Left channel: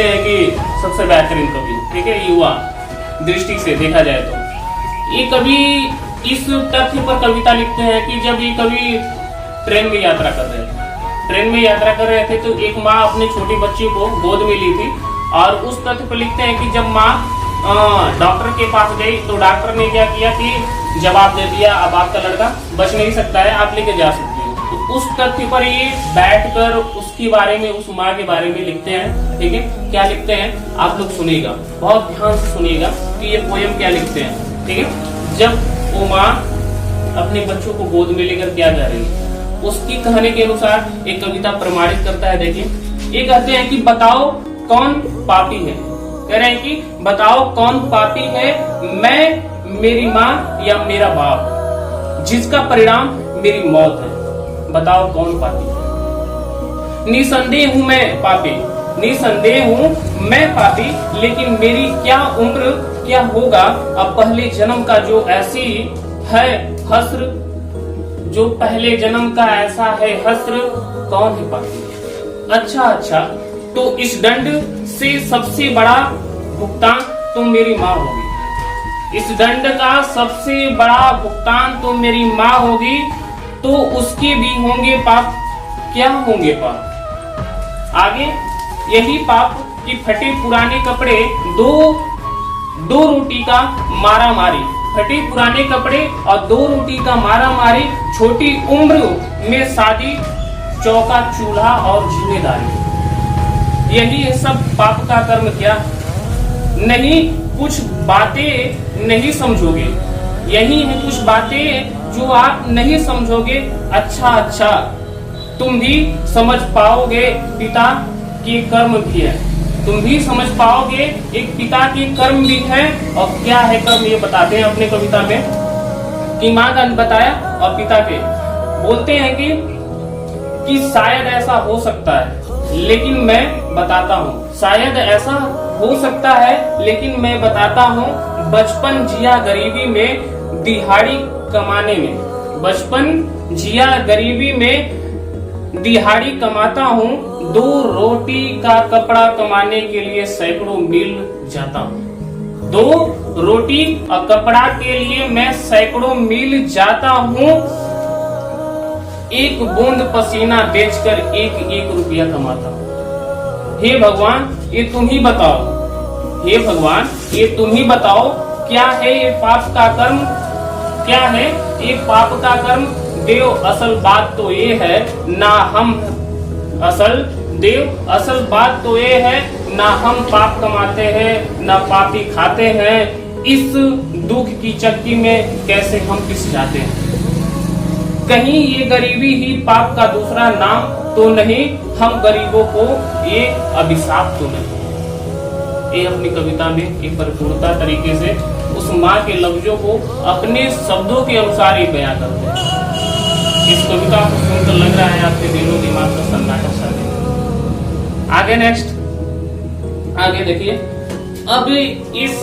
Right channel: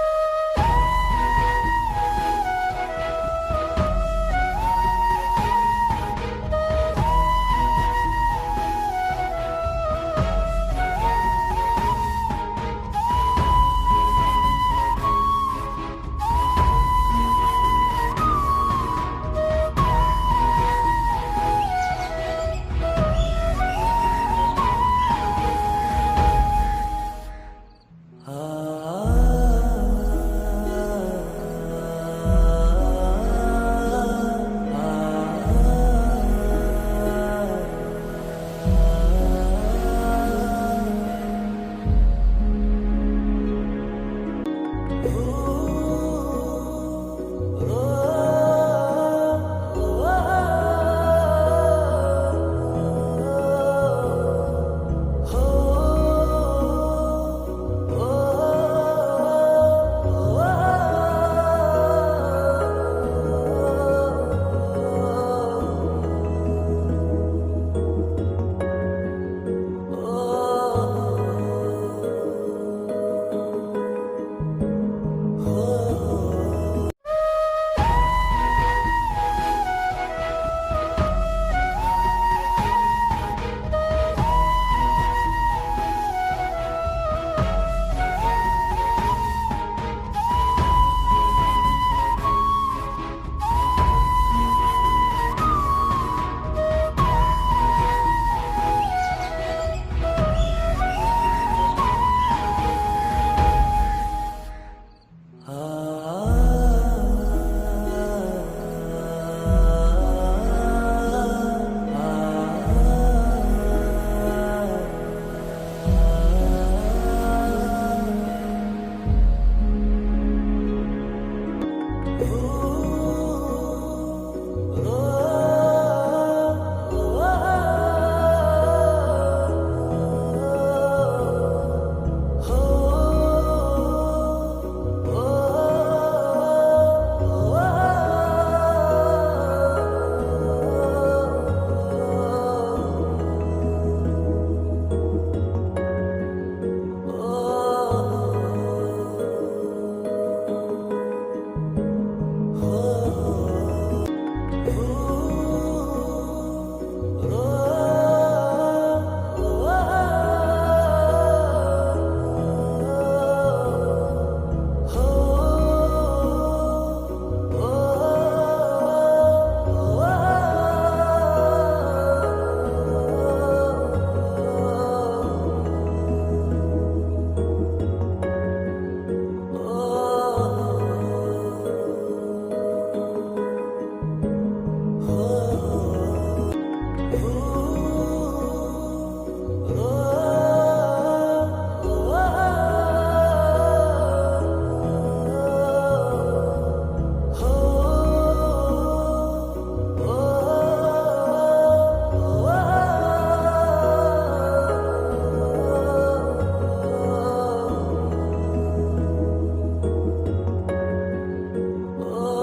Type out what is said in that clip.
कहते हैं कि सबसे बेहतरीन कवि, ठीक है, युवा दृष्टि से देखा जाए तो ये कवि इस तथ्य पर कविता लिखते हैं कि जब ये कवि ट्रेन में यात्रा कर रहे थे तो एक माँ अपने छोटी बच्ची को गोद में ली थी, और उस तथ्य पर लिखते हैं कि जब माँ डॉक्टर के पास गई तो डॉक्टर ने क्या किया कि जवाब दे दिया, अब आपका लड़का बच नहीं सकता है, आप लेके जा सकते हैं। तो उस तथ्य पर ये बैठकर उसके बारे में, उस माँ के बारे में लिखते हैं, ठीक है। क्या लिखते हैं आप लोग सुनिएगा, बहुत ध्यान से सुनिएगा कि ये पोयम क्या लिखते हैं, ठीक है। जब वो माँ अपने बच्चों को गोद में लेकर क्या जा रही है, उसकी कहानी के अनुसार एक कविता प्रमाणित करता है। देखिए, ये कहते हैं कि बताओ कौन पापी है, कह रहे हैं कि बताओ कौन पापी है, मैं, मेरी माँ या मेरा बाप, जिसका परिणाम मेरी मौत है। बताओ कौन पापी है। निसंदेह हूँ मैं पापी, निसंदेह हूँ मैं पापी, लेकिन मेरी क्या उम्र, क्या होगा अब पहले जन्म का जो ऐसी है हस्र, जो पहले जन्म का ऐसा है हस्र, कौन है पापी। अच्छा, तो इस दंड से सबसे बड़ा भुगतान तो मेरी माँ होगी, इस दंड का सबसे बड़ा भुगतान तो मेरी माँ होगी, तो उसके भी होंगे पाप। क्या होंगे पाप? आगे यही पाप कि फटे पुराने कपड़े, दो रोटी का मारा मारी, फटे पुराने कपड़े और 2 रोटी का मारा मारी, छोटी उम्र में शादी, चौका चूल्हा और जिम्मेदारी, यही है सब पाप का कर्म। क्या नहीं, कुछ बातें नहीं समझोगे, यही है कुछ बातें जो आप नहीं समझोगे। अच्छा, तुम भी समझ पाओगे पिता के कर्म भी है, तुम भी समझ पाओगे एक पिता के कर्म भी है। और क्या है कर्म, ये बताते हैं अपने कविता में कि माँ का बताया और पिता के बोलते हैं कि शायद ऐसा हो सकता है, लेकिन मैं बताता हूँ, शायद ऐसा हो सकता है लेकिन मैं बताता हूँ, बचपन जिया गरीबी में दिहाड़ी कमाने में, बचपन जिया गरीबी में दिहाड़ी कमाता हूँ, 2 रोटी का कपड़ा कमाने के लिए सैकड़ों मील जाता हूँ, 2 रोटी और कपड़ा के लिए मैं सैकड़ों मील जाता हूँ, एक बूंद पसीना बेचकर 1 रुपया कमाता हूँ। हे भगवान ये तुम ही बताओ, हे भगवान ये तुम ही बताओ, क्या है ये पाप का कर्म, क्या है ये पाप का कर्म। देव असल बात तो ये है ना हम, असल बात तो ये है ना हम पाप कमाते हैं ना पापी खाते हैं, इस दुख की चक्की में कैसे हम पिस जाते हैं। कहीं ये गरीबी ही पाप का दूसरा नाम तो नहीं, हम गरीबों को ये अभिशाप तो नहीं। ये अपनी कविता में एक परिपूर्णता तरीके से उस माँ के लफ्जों को अपने शब्दों के अनुसार ही बयां करते हैं। इस कविता को सुनकर लग रहा है आपके दिलों दिमाग का सन्नाटा छा गया। आगे नेक्स्ट, आगे देखिए, अब इस